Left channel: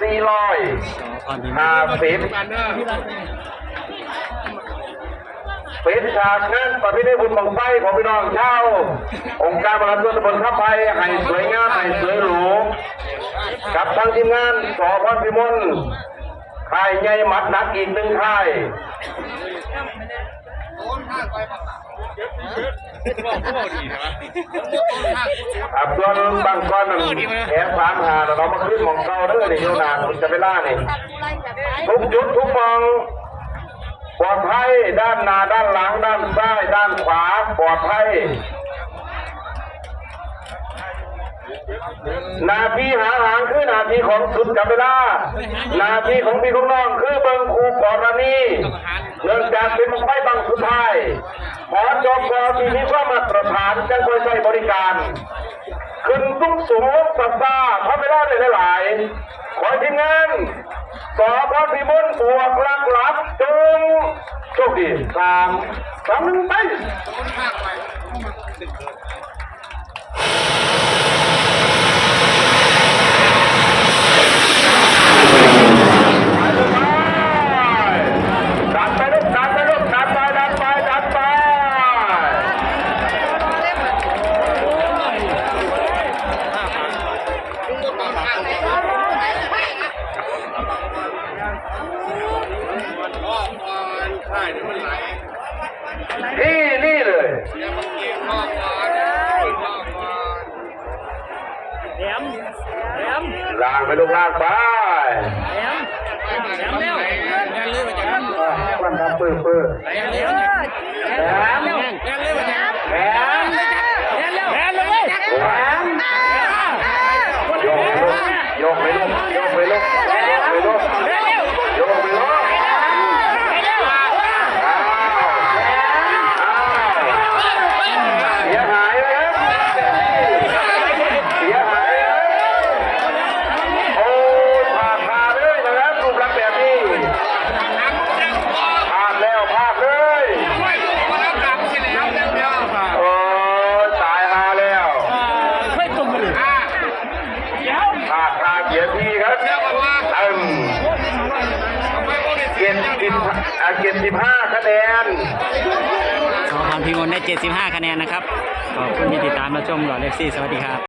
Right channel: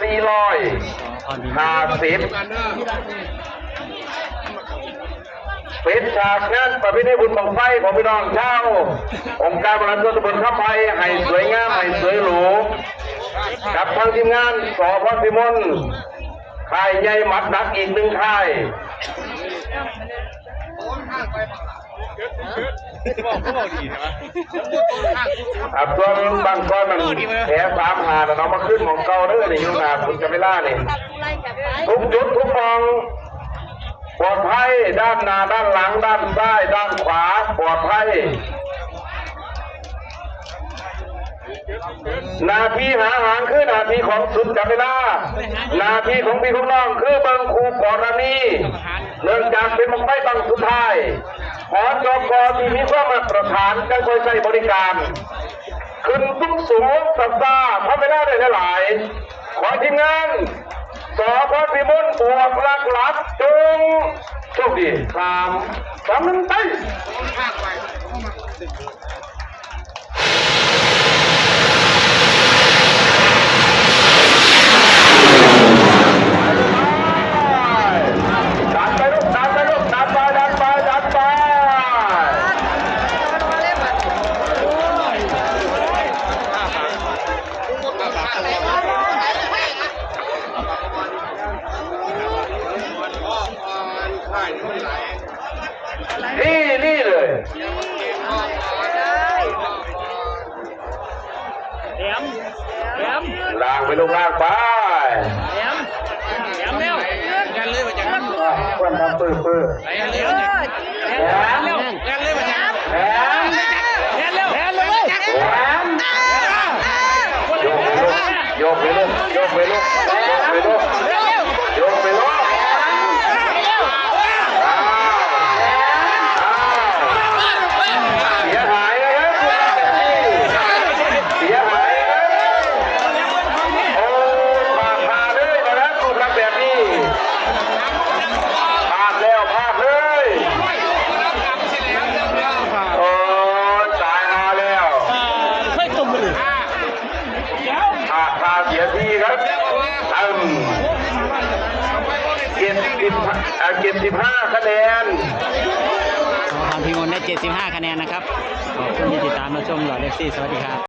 สี่ร้อยห้าสิบเป็นฉากงานประเพณีบุญบังไฟของพี่น้องชาองค์การบริหารส่วนตำบลข้ามไผ่ให้สวยงามให้สวยหรูกับทางทีมงานสอพรพิมลค่ายใหญ่หมัดนักอีกหนึ่งค่าย อับส่วนบางก้อนมันแผลสามหาแล้วเรามาขึ้นหมองเก่าเด้อนี่อยู่นานคุณจะไม่ล่านี่ตัดไล่กับไปทุกจุดทุกมองปลอดภัยด้านหน้าด้านหลัง ด้านซ้าย ด้านขวาปลอดภัยหนาทีหาหางคือหนาทีของสุดจับเวลาหนาทีของพี่ของน้องคือเบิงครูกรณีเนื่องจากเป็นมังไม่บังสุดท้าย ขอจกที่มีความมาตรฐานจังคอยใช้บริการ ขึ้นสูงสูงสัปดาห์ทำเวลาได้หลาย ขอให้ทีมงานสอพรพิมลบวกหลักหลับจงโชคดีสามสามหนึ่งไป ดันไปลูกดันไปลูกดันไปดันไปดันไป นี่นี่เลยแหลมแหลมล่างไปลูกล่างไปแหลมแหลมเร็วแหลมเร็ววันทำปื้อปื้อแหลมเร็วแหลมแหลมเร็วแหลมแหลมเร็วแหลมโยกไปลูกโยกไปลูกโยกไปลูกโยกไปลูกโยกไปลูกอ้าวอ้าวเสียหายเลยครับเสียหายเลยโอ้ยพลาดพลาดเลยนะครับคุณครับแบบนี้พลาดแล้วพลาดเลยโอ้ยตายหาแล้ว เฮ้ยตุ่มเลยเดี๋ยวพลาดพลาดเสียทีครับอืมเกียรติสิบอ่าเกียรติสิบห้าคะแนนสอพรพิมลได้ 75 คะแนนนะครับ ขอบคุณที่ติดตามรับชมหล่อเล็กซี่ สวัสดีครับ